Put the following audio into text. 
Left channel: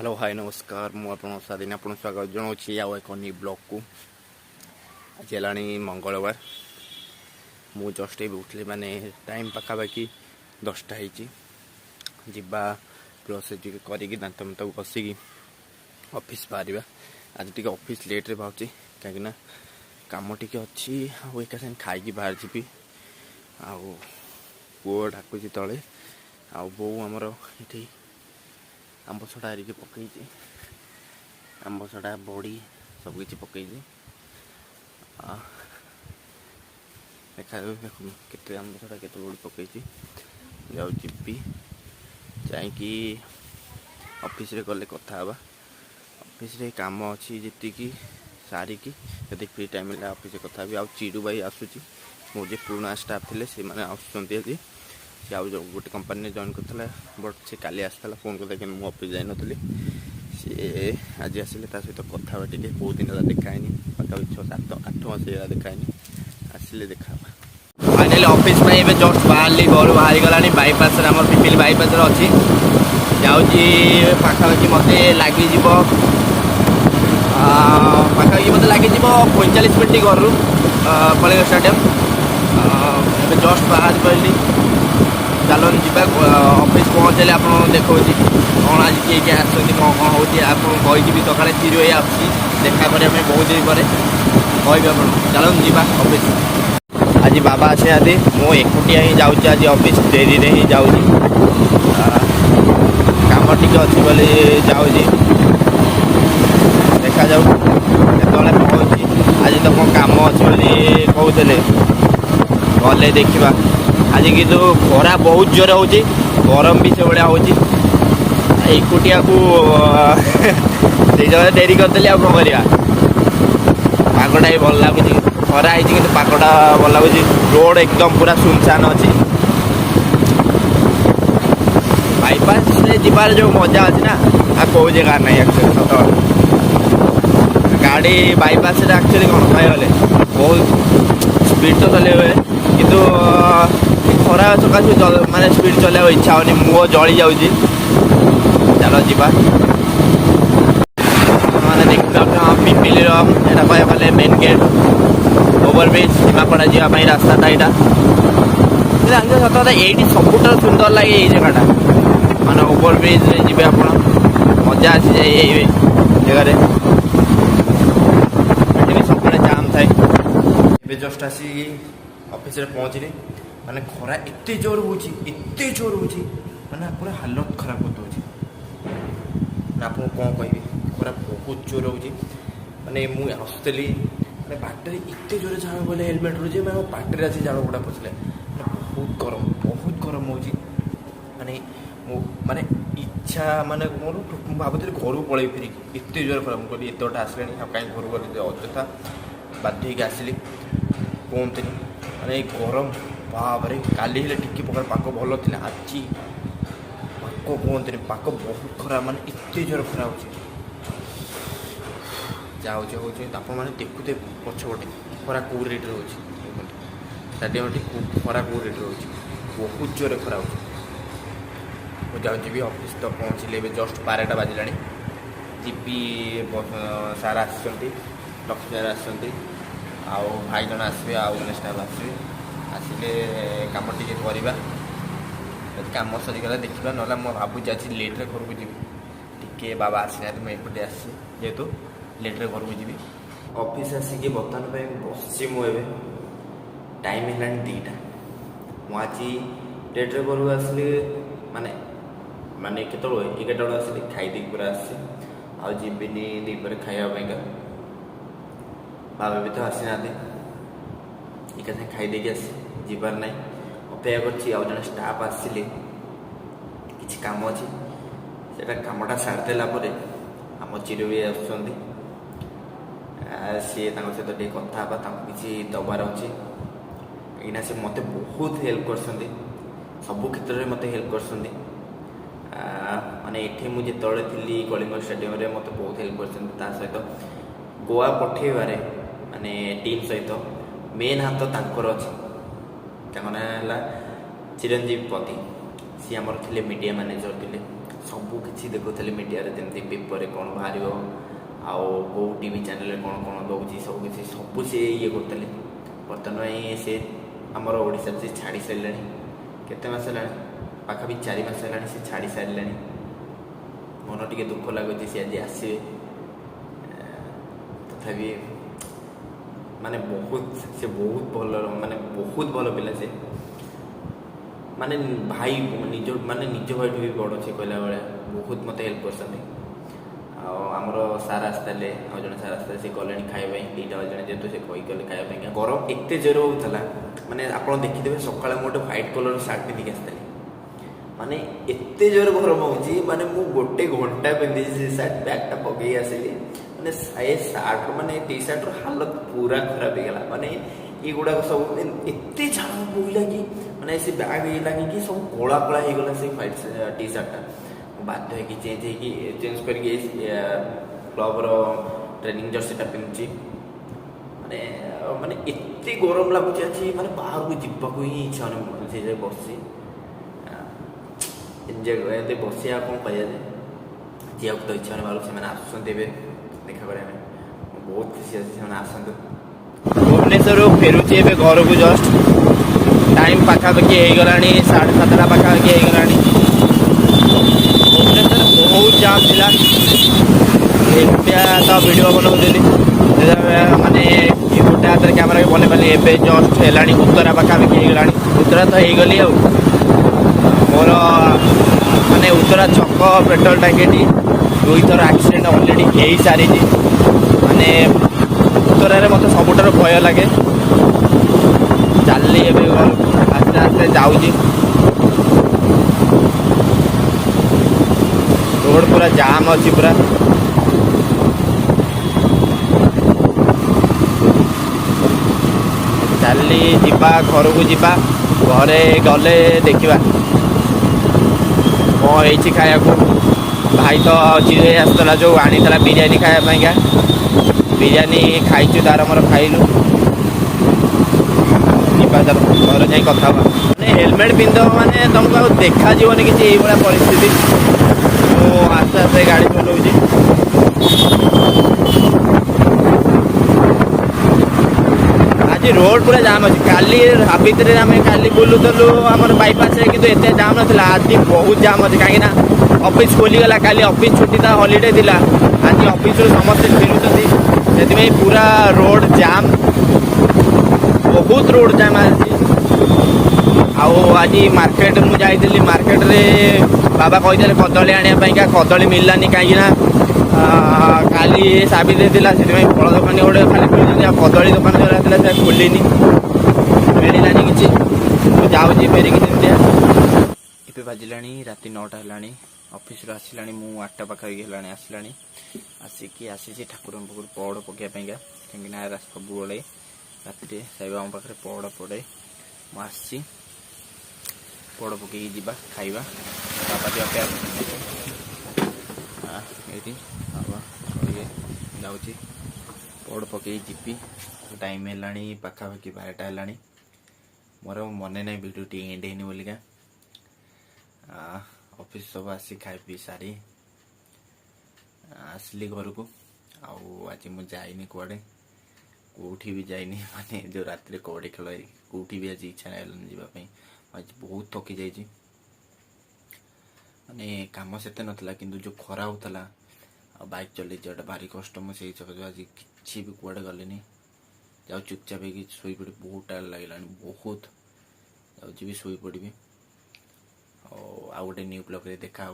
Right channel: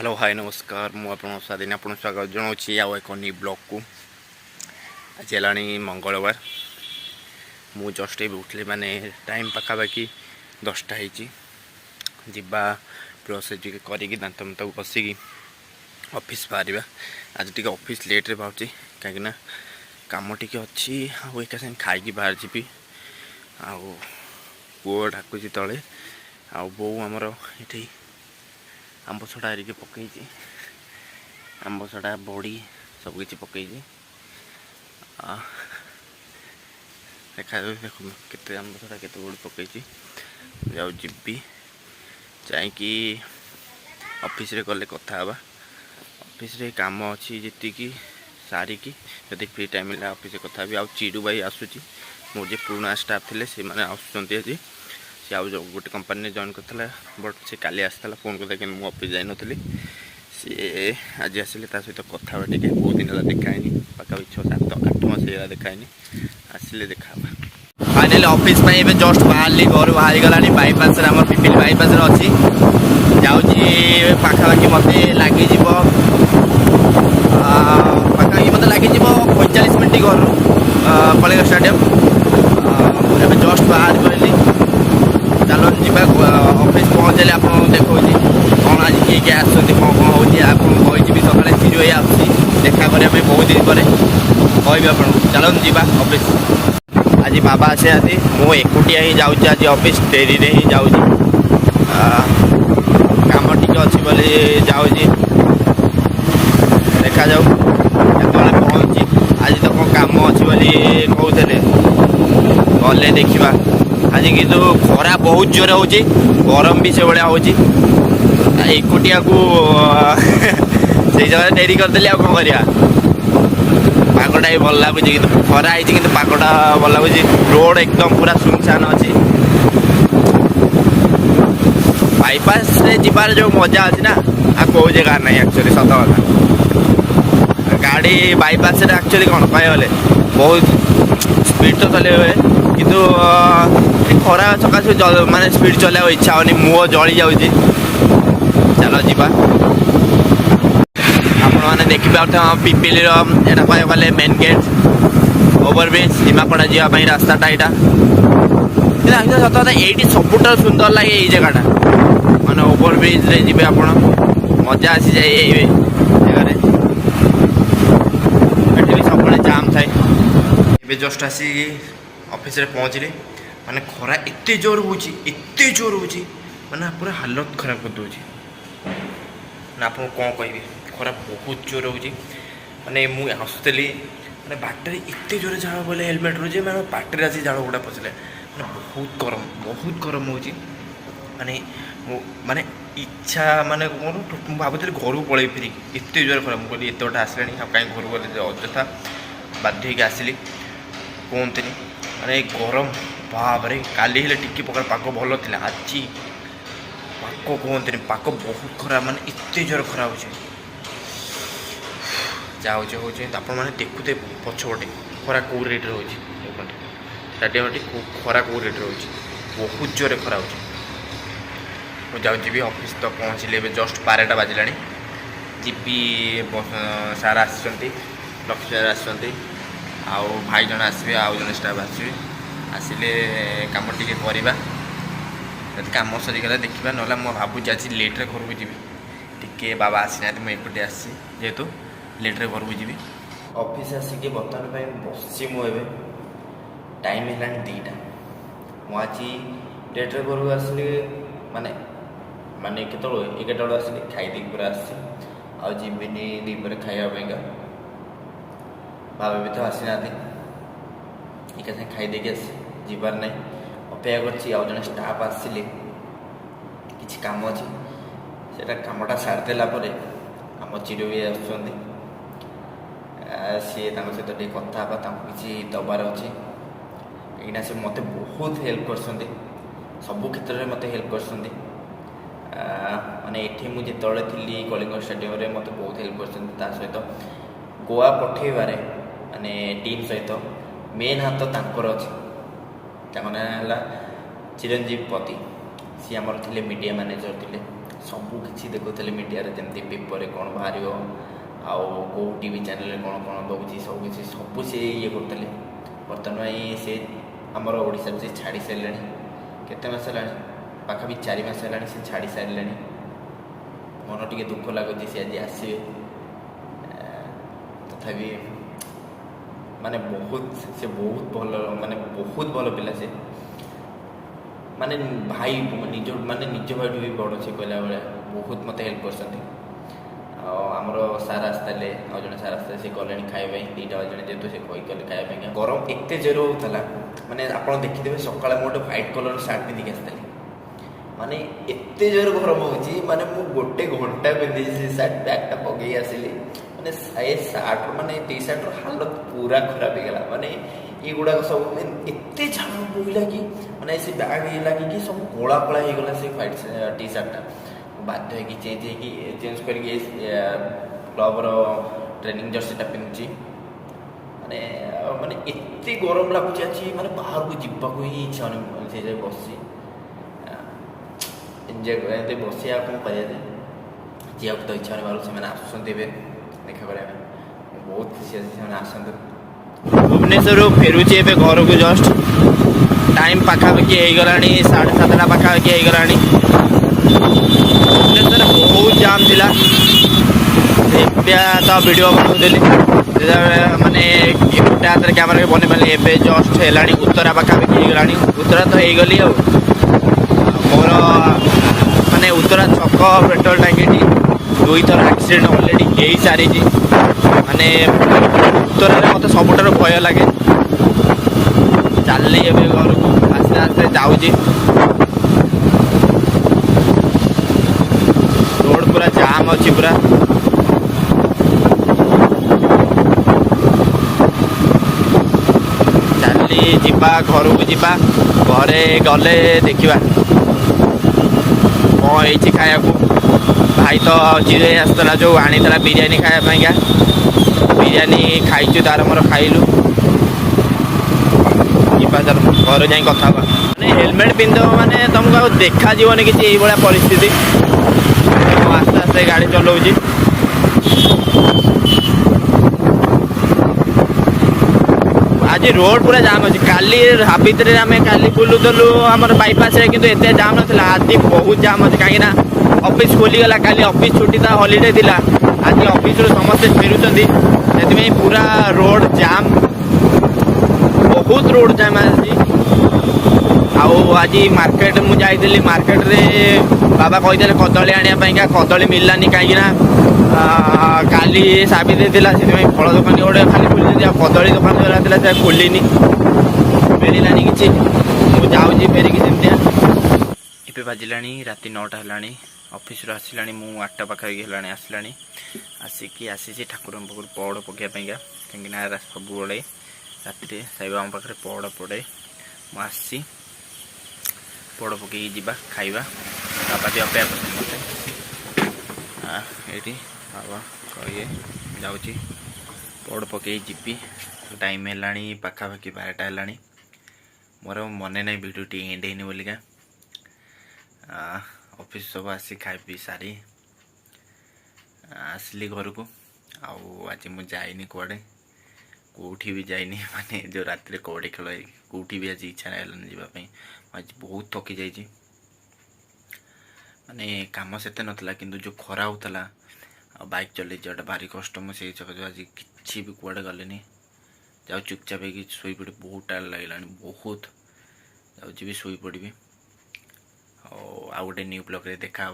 Hello hi नमस्कार मुझे स्वाधीन आप स्वागत जनाऊँगी आउ एक नी ब्लॉग को आज है मंगलवार मु जस्ट उठली माने टाइम पखापाखि 10टा होगा ब्रश करके दात मत बसिकी ऑफिस बाहर आज टी ऑफिस लेट्रे बाहर कहीं कम टी अच्छी एक साथ खाई बाहर जी आउ पुओ डाकुची तले आ बो आमर ये आंब सड़ा हरिके पकई आंब सड़ा बड़ी सबकि पकई देखा केते आंब सड़ा केते बड़ी पकई जाऊ जी जाकि ऑफिस रे गले कथा ऑफिस रे काम अच्छी जी सारिकी जब फ्री टाइम मिले ऑफिस कथा भी चिड़ू भाई आसूची मोर जे पुराना स्टाफ थे से मैंने आसुँच आज सी आउ गोटे कंपनी जॉइन करता बट से काली आसाला फोन करता कि मुझे ऑफिस जाई नी सी आज आसिले सहित कथा टे बहुत दिन है देखानी पाखापाखि 6-7-8 मास देखानी आसिले देखा फाइनाली ऑफिस में जस्ट बाहर घर बाहर गलानी बाईपास आम पिपिल बाईपास अच्छी जाऊँगी पाखापाखि मत लगे पाखापाखि मत लगे 45 मिनट घर कलिंग स्टेडियम एवं जस्ट बाहर पड़ी चलो जीवा ऑफिस पहुँचले आप देखा कौन आज किए किए आसो कौन कौन हो भी सकाले चिरी भाई आसी देखा करने बहुत दिन पर कहि आप चलो जीवा ऑफिस आज बाबा आसे आती मु एकुटिया ही जाऊँ आज ऑफिस डेरी रे ही जाऊँ काम टी अच्छी बोली जाऊँ देखा जाऊ केतने पहुँची आज तो कौन काम अच्छी बोली कहते गले देखा आज किंतु खरा बहुत जोर हो गरम भी से भाया हो एकुटिया को से जगह डेरी करदेली आ कौन करवा पागटा भी भल लगुच कि खरा है कि पागटा भल लगुच रोड एकदम पूरा सुनसान अच्छी बाईपास रे जीवार जो मजा अच्छी ना आ कौ जगह ना एक्चुअली सत कथा गाड़ी बाईपास एक्चुअली कौन कहले बहुत स्पीड तो चले हुए किंतु खरा सकाशे माने स्पीड चलाइबा इच्छा होनी मुह जली जाऊँगी चलो जीवा आपण मैंने देखिए पिपिल यहाँ कह गले मेन गेट ओवरब्रिज सीमापड़ा जावाई रास्ताटा यहाँ सत कथा ये सबुठ सुंदर लगे ये जगहटा माने ओवरब्रिज रे जी आप मजा आसी जाए ये जगह भी सब जाम थाए जस्ट आसी ऑफिस रे पहुँचली माने खरा एते जोर हो माने पूरा हालत खराब कर दूँ ना आप कौन कहि खरा बहुत जोर हो माने मुझे आसुली माने बाटर एत जोर झाड़ बोले हेलमेट रो मैं बाटर आसी झाड़ गुड़ा पशिले माने बहुत गरम हो माने माने इच्छा माने कौन भावुली घर को पलि फिर एत जोर खराब मुझे एत बटा आसला कहीं घर को गले अଯଥା बाध्य होगी आसली कहते माने गरम बाबरे काली हेले टिकी प्रकार पाक भल थी आज पाक कहते पाक बहुत खराब माने एत जोर खराब हो आप देखुते पछपटे खरा कौ रेट रोचे स्टाडियम खरा कौ रेट रोचे बहुत जोर खरा हो जाऊँगी ऑफिस तो पहुँचली जस्ट 12टा बाजिला जी सार आसछंती लक्ष्मी सार आसछंती आउ भाई जन आसबे आउ जन स्टाफ आसबे आसिले काम टिके करवा कम सरीगला देखा ना मैं भावुँ आज लेट्रे घर को जी टी बाबा आसी ना मुझे आसी जेहेतु लेट्रे घर को जी ऑफिस आसिक बर्तमान बसी मुझे टाइम है 2टा मुझे लेट्रे घर को आसली माने माने के 11टा बेलू आसली खाई पूरा आसी आबिनी दीपर खावाईका बाबा भी तो आसी ना एक खाईदे आसी जीवार ना अपेक्षा कर स्टाफ आसिले कि कम अच्छी से कमटा सारीदेला आम चिर भी आसुँच सी सहित टे कथा कि दबार अच्छे कहीं सी मत बहुत हेल्प कर सबु क्षेत्र में मत हेल्प कर माने ये मुझे थी कलिंग स्टेडियम रे मत बहुत हेल्प कर सहित गोवा पठेबारे माने टीम सहित मेन हाथ तांकर अच्छी ना चिरंजीव पति सी आमर थे मीडिया मैनेजर थे सबू किसी देखुली मीडिया जमी पेपर कौन बाहर आउ कौ टीवी चैनल कौन कौन दूसरी सब सी ये करते बर्तमान से आमर ओडिशा से छाड़ी सारे केते मास है पाखापी 4 मास है से छाड़ी सारे मन टे दुख लगुच सी आज आसवे तथापि माने बहुत भल माने बहुत भल पिला से माने भाई निज माने निज भाई भी बड़ से कहला बेले बहुत मत हेल्प कर आमर सार आसते जड़े सार आसते से गले खाଇବା दुईटा जन जेहतु से कही गले खाଇବା गरम एत जोर होता माने आप देखिदे सकाଳେ ମୁଁ ଗୋଟେ व्हाइट कलर सार्ट पिंधिक आसती माने एत जोर गरम होची माने मु गोटे घंटा पिंधि से सार्ट बैगटा पकई आसिली माने ए सार्ट माने टी सार्ट हालत पूरा खराब हो गला माने ये गुड़ाक सब एत झाड़ बोला कि माने से बैग ये लगे कि सब कला कला हो गला से व्हाइट टी सार्टा बाध्य हो चेंज करके क्लब ट्रेनिंग जर्सीटा पिंधि माने माने एत गरम लगुच आज माने बाहर को जीवा को ही इच्छा से बस एंजॉय बसिया कौन कह जीवा तो इच्छा नहीं बाहर से आसुँच देखा करें बहुत खुशी अच्छे से आसतु भुवनेश्वर फेरुचे ए घर को जस्ट टाइम पाखापाखि हो गला 7:30 पाखापाखि हो गला भुवनेश्वर बहुत जाम थिला तो वीडियो बनाऊली माने गोटे हाथ में कैमेरा बन पारे ए जस्ट है उत्तरा पाखापाखि हो गला उत्तरा तो हो गली मोर माने उत्तरा छक पेट्रोल टांकी 2 थर एक्सीडेंट ऑलरेडी हो सारी माने उत्तरारे मत सबुठार भय लगे चलली ए घर को आस्ते आस्ते जाऊँगी रोड पूरा जाम अच्छी पूरा चलली जीवा घर को जीवा घरे गले देखा कौन हो खाया भाई तो चिड़े आसला जो आनीला बिरियानी खायापाइका बिरियानी खाइचु तार मोर खाइलु घर जाए कथा मैंने हेलमेट पिंध माने तुमको देखा जीवन किसी यही भाया परिस्थिति आस्ते आस्ते गाड़ी चलाऊँगी आज रोड पूरा जाम अच्छे काली हाबित आम काली बुलूलु आम बाईपास कि एत जाम नाला आज बहुत जाम अच्छे कहीं ऑफिस खोलीगला काली ऑफिस छुट्टी था हॉलीडे थिला आज ऑफिस समस्ते फेरुंट से पूरा रोड जाम बहुत रोड जाम आज मार्केट मुझे जाइली मार्केट रे बाबा कही कदली आने कदली मिललानी कहीं काली साबित था से फल दुकानी गोटे खाली खोली कदली दुकान जो खोलनी मिललानी कि मुझे फेरिकी सेमतिया ए बाजिला राति 9टा है ऑफिस आसला मु 8टा पाखापाखि है आसला आसिकी आसी ठाकुर पाखर पहड़ पकाइपाई कहीं सब राति साई बाबा पाखे पहड़ पड़े मुझे पहड़ पकई जा खाଇବା बाबा भी अपेक्षा करते मत ये बाबा कहे जाऊँगी पहड़ पकई जीपी टाइम है पाखापाखि 12टा है मोर मन ना भिडियो टी एंड है बोलिका ऑफिस सब आसी खाई पी सारी आसली घर को आज मुझे जाइनी कुआड़े कौटी भी जाइनी माने जो रात कबड्डी खेल कौटी भी आज इच्छा नहीं जावाई आज बहुत थकी जाइए माने काम सेते नथला किंतु जो खरा होता बाइक चल जाटा भारी कष्ट मुझे आज किसी भी कुआड़े गले जाओ चुपचाप शोई पड़ी बहुत टायर लगे बहुत जाऊँगी भी शोई पड़ी आ गोटे न्यू ब्लॉग रे देखा।